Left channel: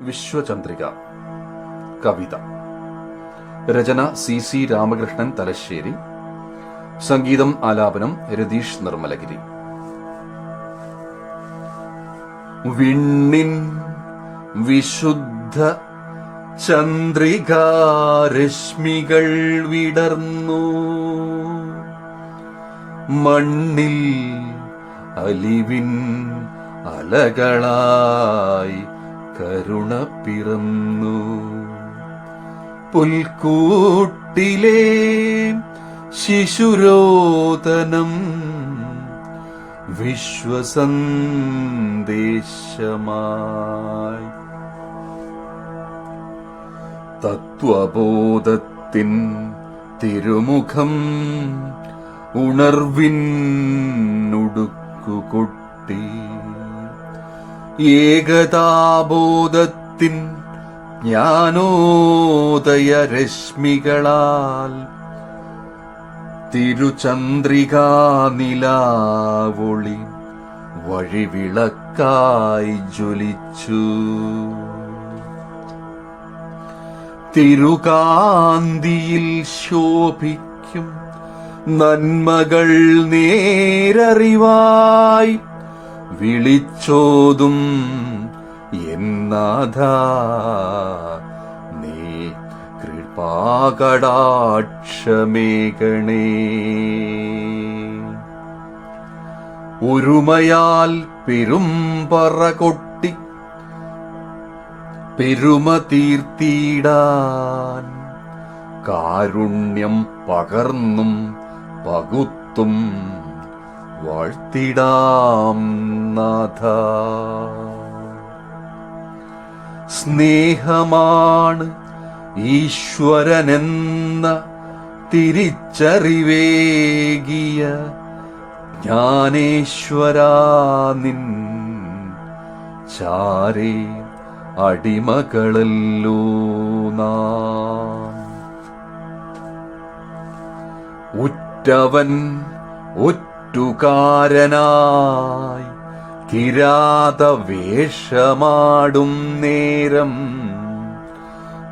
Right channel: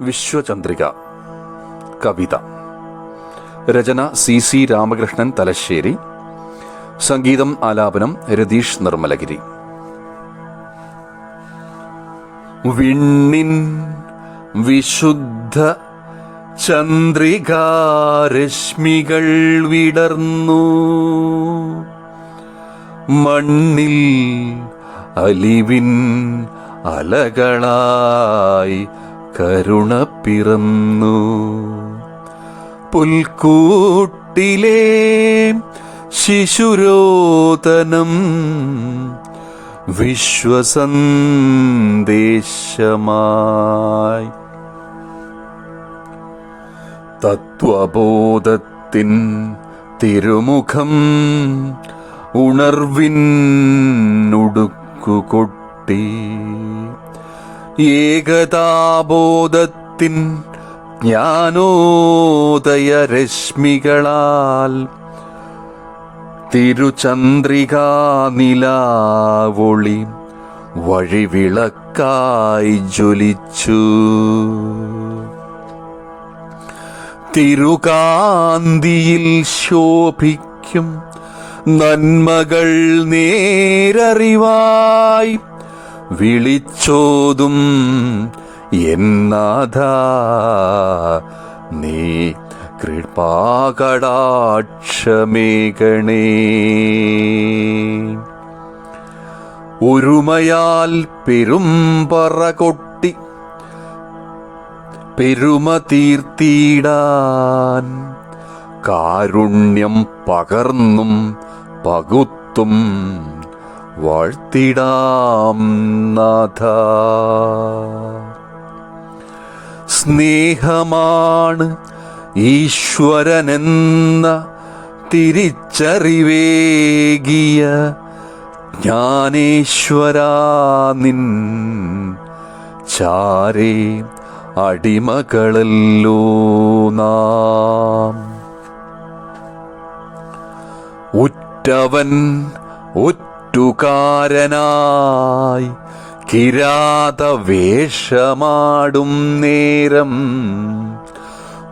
വിശ്വചന്ദ്രിക. കവിത. രചന C C Ramakrishnan Thalassery. സംഗീതം ആലാപനം രതീഷ് നിർമ്മലഗിരി. വിണ്ണിൻ വിശുദ്ധ ചന്ദ്രികാരശ്മികൾ വിടർന്നു. മണ്ണിൽ അലിവിൻ അലകളായി കരുണ പിറന്നു. പുൽക്കൂട്ടിലെ ശിശുരോദനം വിശ്വസന്ദേശമായി. തത്വബോധത്തിൻ തിരുമുഖം ഉണർവിനുടുക്കുകൊട്ടി ഏകതാബോധത്തിൻ ജ്ഞാനോദയ രശ്മികളാൽ തിരുചന്ദ്രികാ നിലാവൊളി വഴിവിളക്കായി ജ്വലിച്ചു. തിരുകാന്തിയിൽ ശോഭിക്കും നന്മകൾ നേരറിവായി വിളിച്ചോതും. എന്നാഥ നീ കൃപാകടാക്ഷമേകണേ. ഒരുമയാൽ പെരുമ്പറ കൊട്ടി പെരുമ തീർത്തിടാൻ കാരുണ്യം പകർന്നും പകുത്തും വാഴ്ത്തിടാം നാഥ. സ്നേഹമാണ് ഈശ്വരനെന്ന തിരിച്ചറിവേകിയ ജ്ഞാനേശ്വരാ നിൻ ചാരേ അടിമകളല്ലോ നാം. ഉറ്റവൻ ഒറ്റുകാരനായി കിരാത വേഷമാടും നേരം.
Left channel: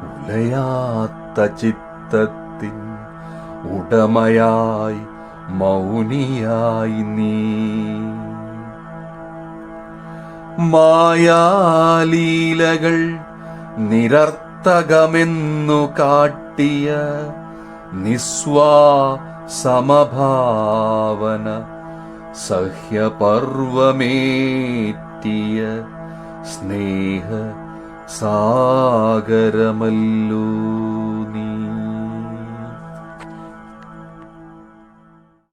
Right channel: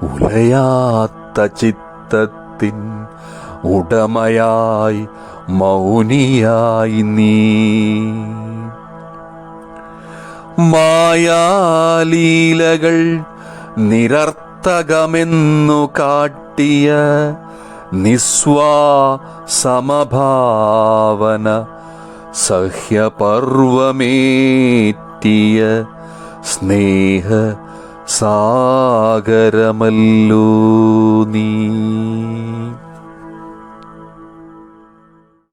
ഉലയാത്ത ചിത്തത്തിൻ ഉടമയായി മൗനിയായി നീ. മായാലീലകൾ നിരർത്ഥകമെന്നു കാട്ടിയ നിസ്വാ സമഭാവന സഹ്യപർവമേറ്റിയ സ്നേഹ സാഗരമല്ലോ